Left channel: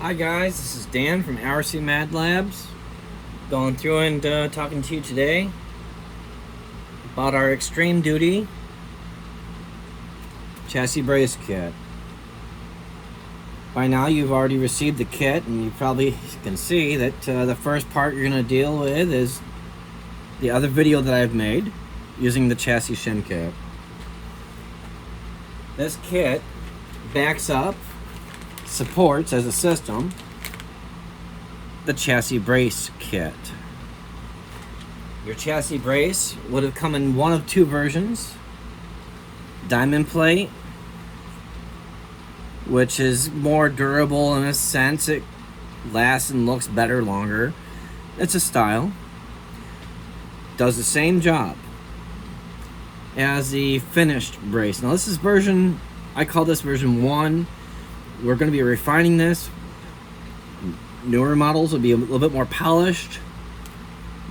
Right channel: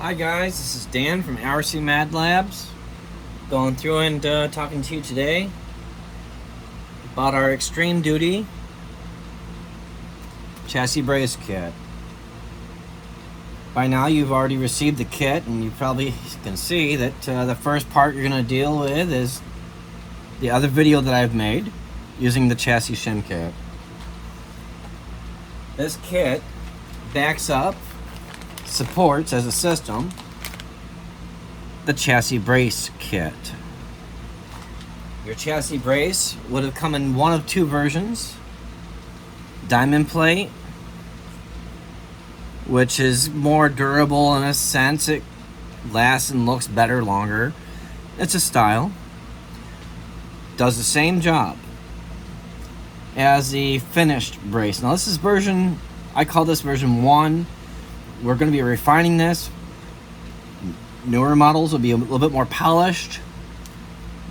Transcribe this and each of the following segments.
Hi guys, this is Dan from RcMadLabz. Going through and talking to you today about our ExtremeDuty chassis brace kit. By now you've already received the kit, and you probably can see that the first part you're going to deal with is the other video that I've made using the chassis shim kit. This kit backs up, supports as a system the chassis brace kit. Your chassis brace would have come in one of two versions: diamond plate, which is more durable in a sense, it lasts and looks better longer. It's a style, does the same job as the finished brace. Now this is version, I call this version 1. We're going to be refining this. Newer models will be a little bit more polished,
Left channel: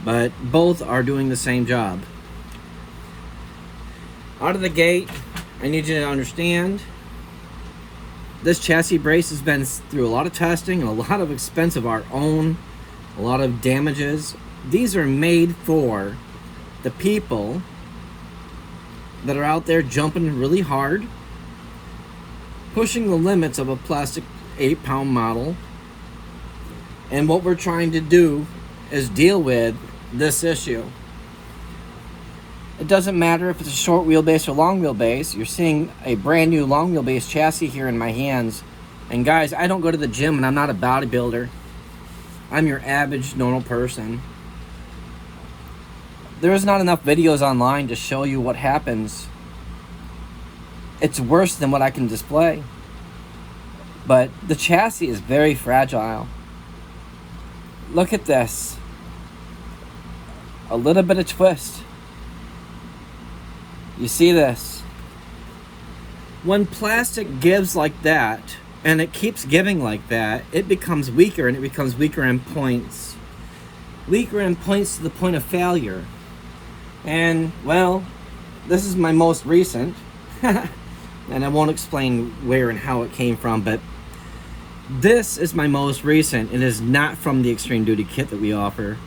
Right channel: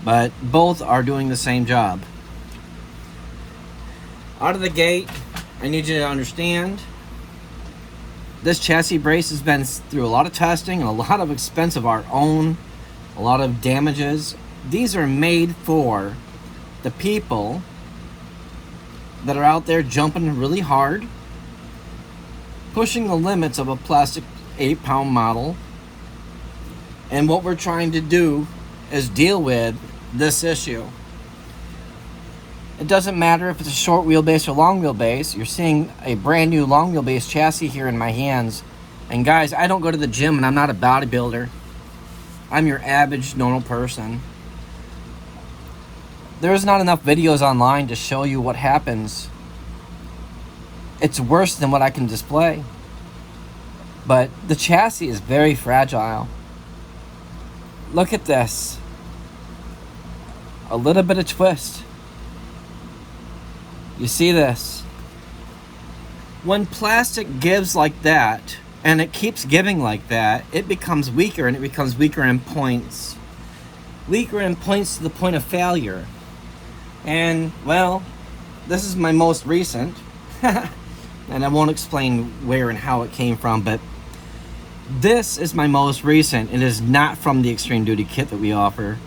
but both are doing the same job. Out of the gate, I need you to understand this chassis brace has been through a lot of testing and a lot of expense of our own, a lot of damages. These are made for the people that are out there jumping really hard, pushing the limits of a plastic 8-pound model. And what we're trying to do is deal with this issue. It doesn't matter if it's a short wheelbase or long wheelbase. You're seeing a brand new long wheelbase chassis here in my hands. And guys, I don't go to the gym and I'm not a bodybuilder. I'm your average normal person. There's not enough videos online to show you what happens. It's worse than what I can display. But the chassis is very fragile. Look at this. A little bit of twist. You see this? When plastic gives like that, and it keeps giving like that, it becomes weaker, and it becomes weaker in points. Weaker in points to the point of failure. And, well, this is my most recent. And I won't explain where and how it came from, but this is my most recent. It is not from the ExtremeDuty kit that we offer.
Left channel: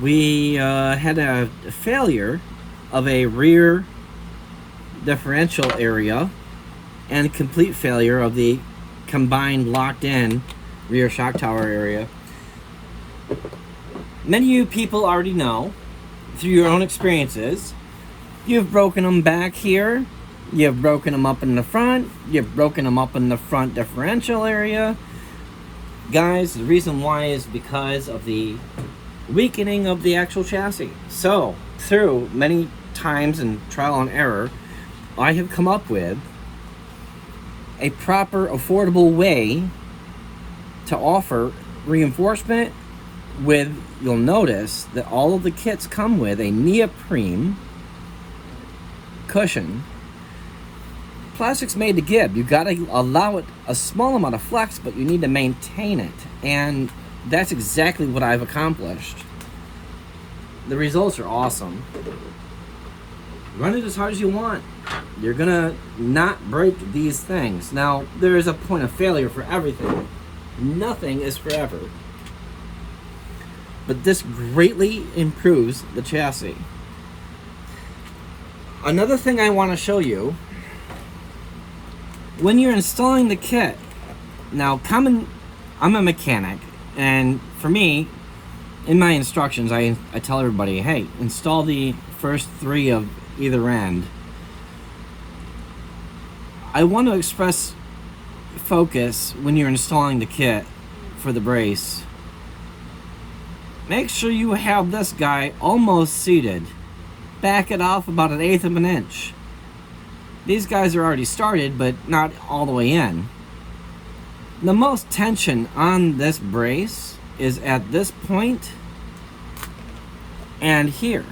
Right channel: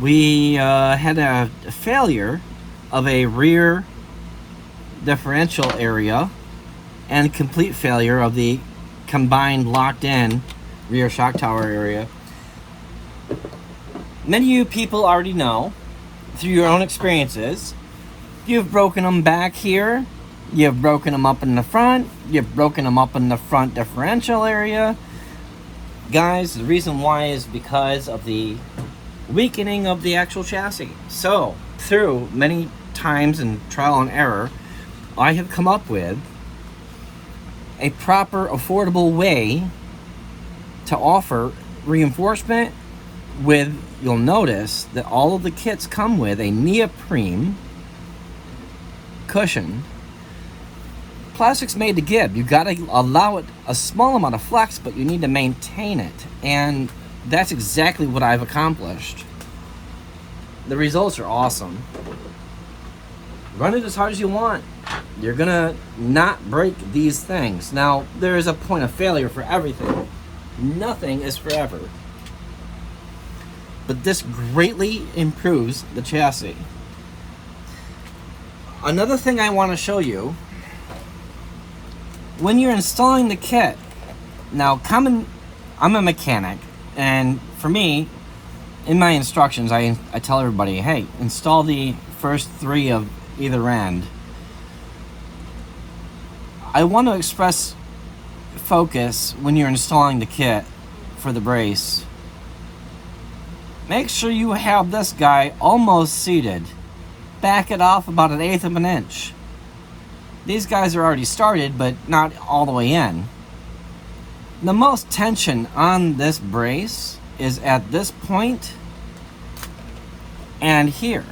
We had a failure of a rear differential area and complete failure of the combined locked-in rear shock tower area. Many of you people already know, through your own experiences, you've broken them back here, you've broken them up in the front, you've broken them up in the front differential area. Guys, the reason why is because of the weakening of the actual chassis. So, through many times and trial and error, I have come up with a proper, affordable way to offer reinforcement with, you'll notice that all of the kits come with a neoprene cushion. Plastic's made to give. You gotta allow it a small amount of flex, but you need to maintain it. And that's exactly what I've accomplished. The results are awesome. Run it as hard as you want. You're gonna not break these things. Now, there is a point of failure for everything. Nothing is forever. But this greatly improves the chassis. Another thing I want to show you, when you're installing the kit, now I'm a mechanic, and for me, in my instructions, I tell everybody, hey, install the first 3 of either end. I want to express focus when you're installing the kit for the brace. Make sure you have this guy almost seated. Back it off about 1/8 of an inch. These guys are already started, but not all the way in. The most tension on this brace is at this point and here.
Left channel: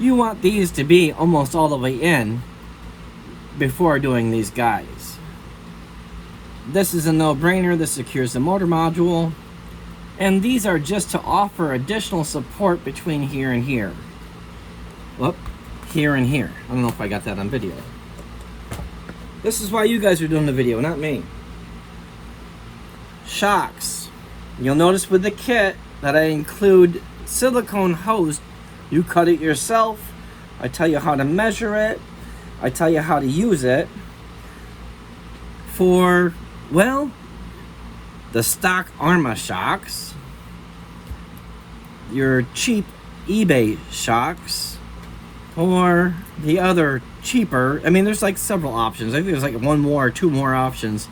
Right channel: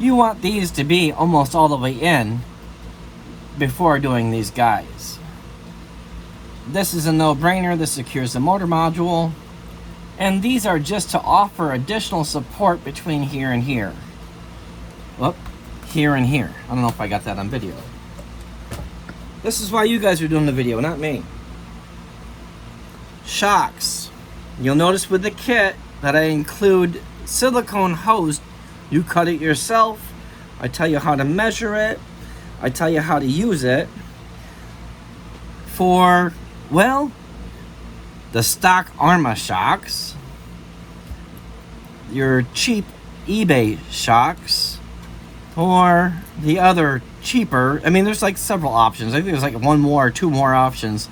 You want these to be almost all the way in before doing these guys. This is a no-brainer. This secures the motor module. And these are just to offer additional support between here and here. Whoop, here and here. I don't know if I got that on video. This is why you guys are doing the video, not me. shocks. You'll notice with the kit that I include silicone hose. You cut it yourself. I tell you how to measure it. I tell you how to use it for, well, the stock Arrma shocks, your cheap eBay shocks, or the other cheaper. I mean, there's like several options. I think there's like one more or two more options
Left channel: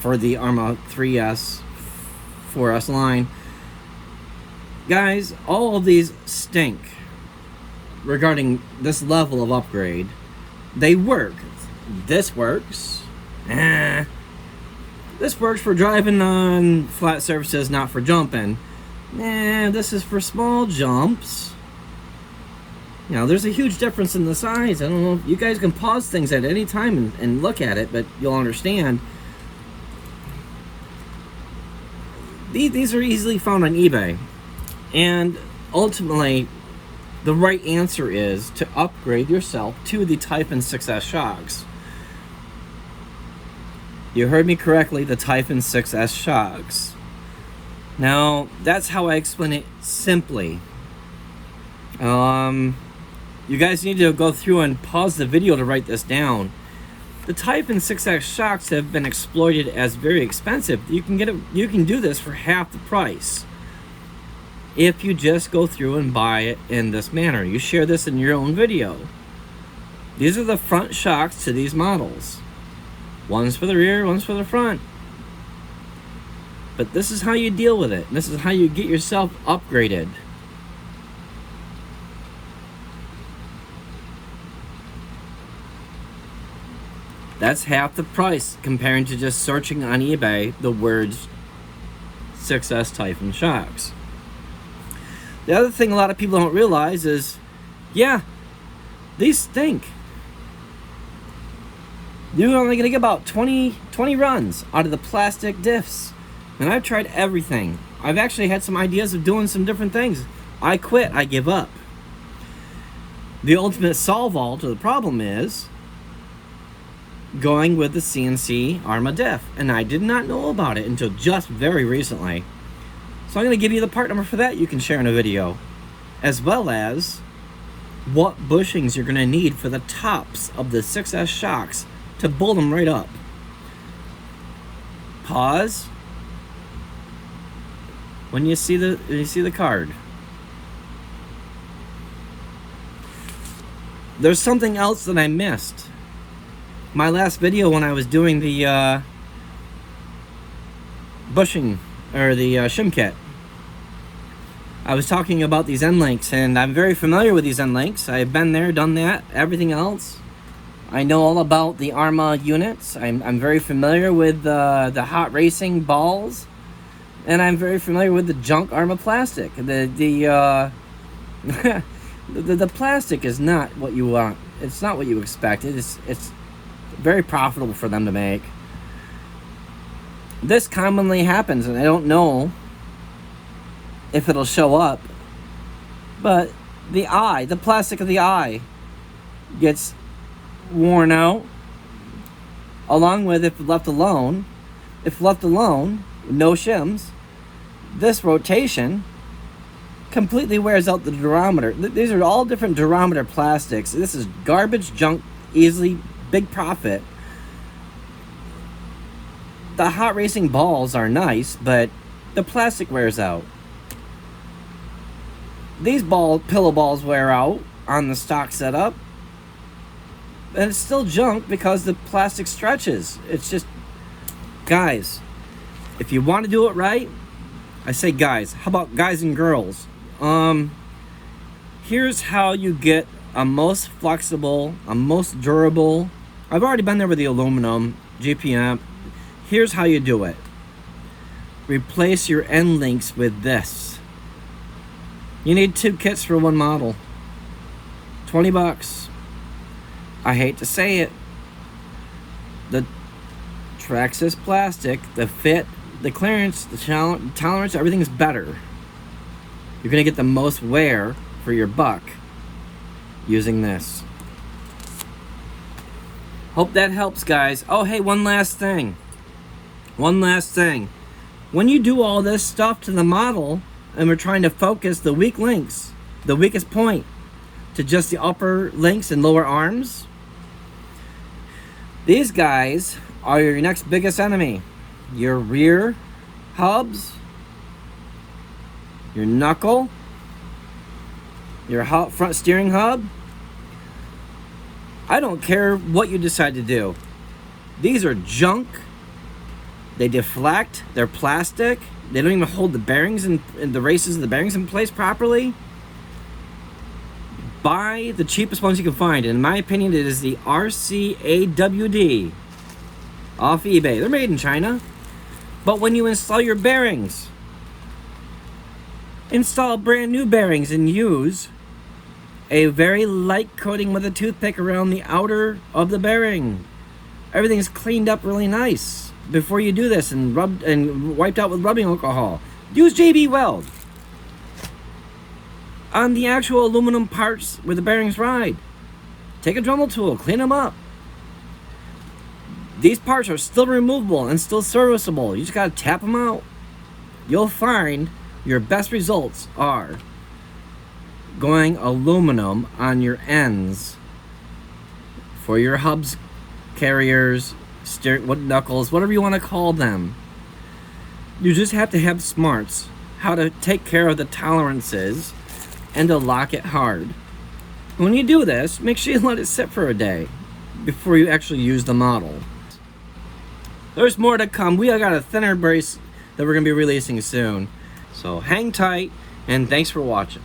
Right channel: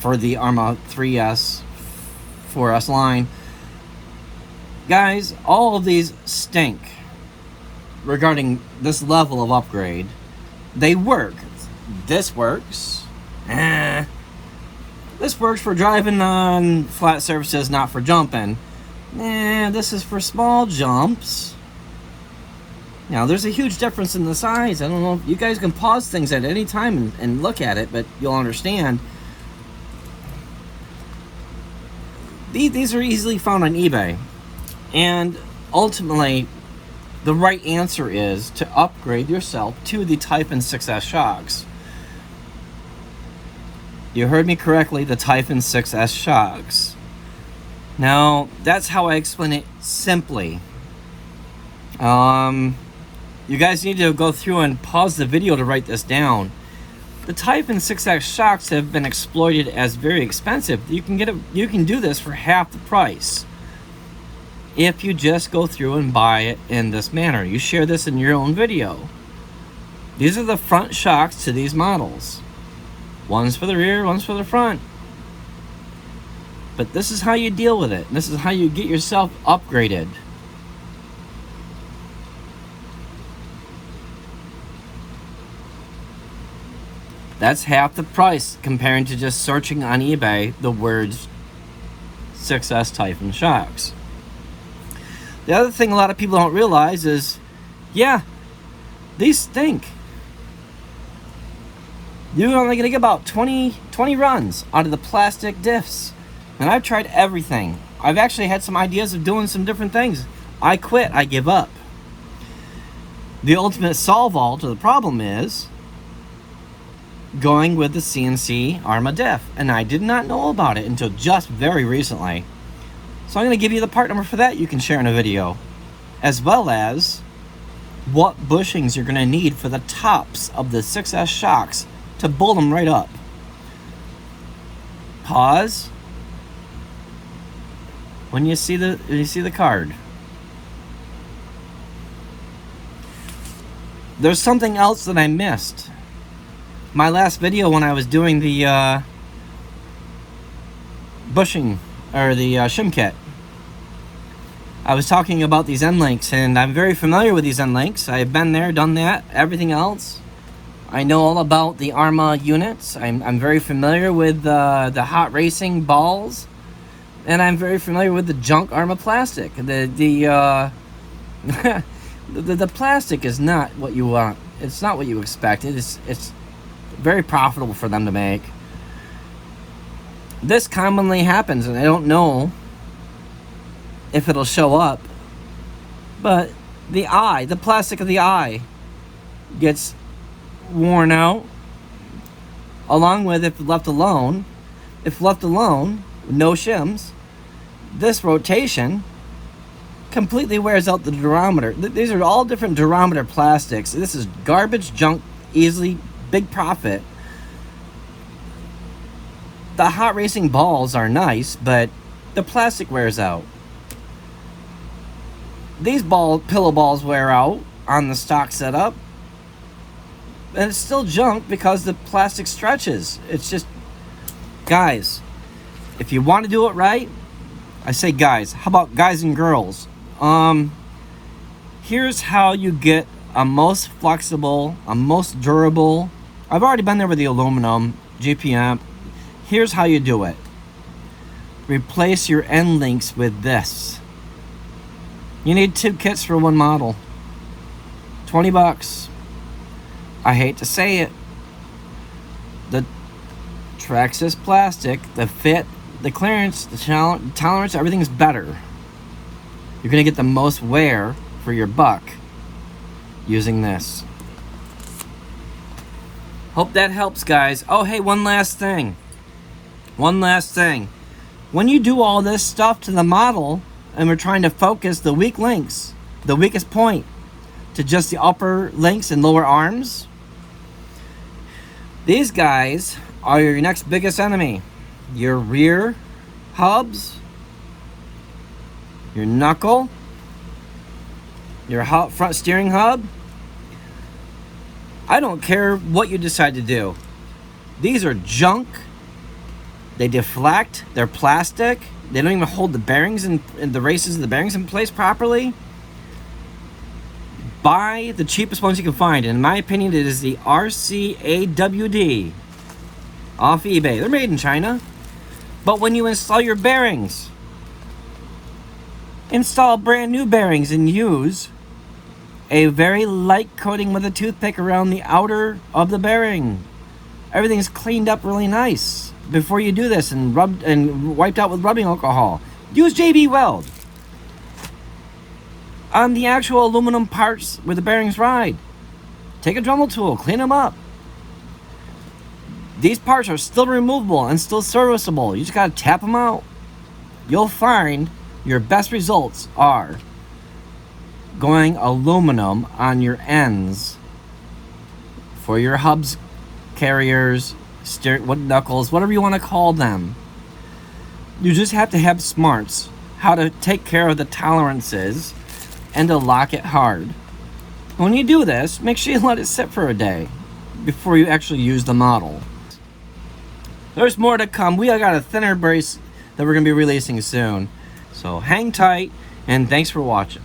for the Arrma 3S, 4S line. Guys, all of these stink regarding this level of upgrade. They work. This works. This works for driving on flat surfaces, not for jumping. This is for small jumps. Now, there's a huge difference in the size. I don't know if you guys can pause things at any time and look at it, but you'll understand. These are easily found on eBay. And ultimately, the right answer is to upgrade yourself to the Typhon 6S shocks. You heard me correctly, the Typhon 6S shocks. Now, that's how I explain it simply. You guys need to go through and pause the video to write this down. The Typhon 6X shocks have been exploited as very expensive. You can do this for half the price if you just go through and buy it in this manner. You share this in your own video. These are the front shocks to these models. One's for the rear, one's for the front. But this is how you deal with it. This is how you get yourself upgraded. That's half the price compared to just searching on eBay the words 6S Typhon shocks. The other thing a lot of people don't realize is, yeah, these stink. You're only going to get about 20 runs out of the plastic diffs. And I've tried everything. I've actually had some ideas of doing some different things. I quit. I give up. The ultimate solve-all to the problem is going with the CNC Arrma diff. And I did not know about it until just very recently. So I'm going to give you the part number for that you can share in a video. As well as what bushings you're going to need for the tops of the 6S shocks to bolt them right up. Pause when you see the card. There's something else that I missed. My last video when I was doing the bushing or the shim kit, I was talking about these end links, and I'm very familiar with these end links. I've been there, done that, everything else. I know all about the Arrma units. I'm very familiar with the hot racing balls, and I'm very familiar with the junk Arrma plastic. The plastic is not what you want. It's not what you expect. It's very profitable for them to make. This commonly happens, and I don't know if it'll show up, but the plastic of the eye gets worn out, along with if left alone, no shims, this rotation completely wears out the durometer. These are all different durometer plastics. This is garbage, junk, easily, big profit. The hot racing balls are nice, but the plastic wears out. These pillow balls wear out on the stock setup, and it's still junk because the plastic stretches. It's just, guys, if you want to do it right, I say guys, how about guys and girls? Here's how you get a most flexible, a most durable. I've already been there with the aluminum GPM. Here's how you do it. Replace your end links with this. You need 2 kits for one model. 20 bucks. I hate to say it. The Traxxas plastic, the fit, the clearance, the tolerance, everything's better. You're gonna get the most wear for your buck using this. Hope that helps, guys. Oh, hey, one last thing. When you do all this stuff to the model, and we're trying to focus the weak links, the weakest point, to just the upper links and lower arms, these guys are your next biggest enemy. Your rear hubs, your knuckle, your front steering hub. I don't care what you decide to do. These are junk. They deflect. They're plastic. They don't even hold the bearings and the races of the bearings in place properly. Buy the cheapest ones you can find. In my opinion, it is the RcMadLabz off eBay. They're made in China. But when you install your bearings, install brand new bearings and use a very light coating with a toothpick around the outer of the bearing. Everything's cleaned up really nice before you do this and rubbed and wiped out with rubbing alcohol. Use JB Weld on the actual aluminum parts where the bearings ride. Take a Dremel tool, clean them up. These parts are still removable and still serviceable. You just gotta tap them out. You'll find your best results are going aluminum on your ends for your hubs, carriers, wood knuckles, whatever you want to call them. You just have to have smarts how to take care of the tolerances and to lock it hard. When you do this, make sure you let it sit for a day before you actually use the model. There's more to come. We got a thinner brace that we're going to be releasing soon. So hang tight, and thanks for watching.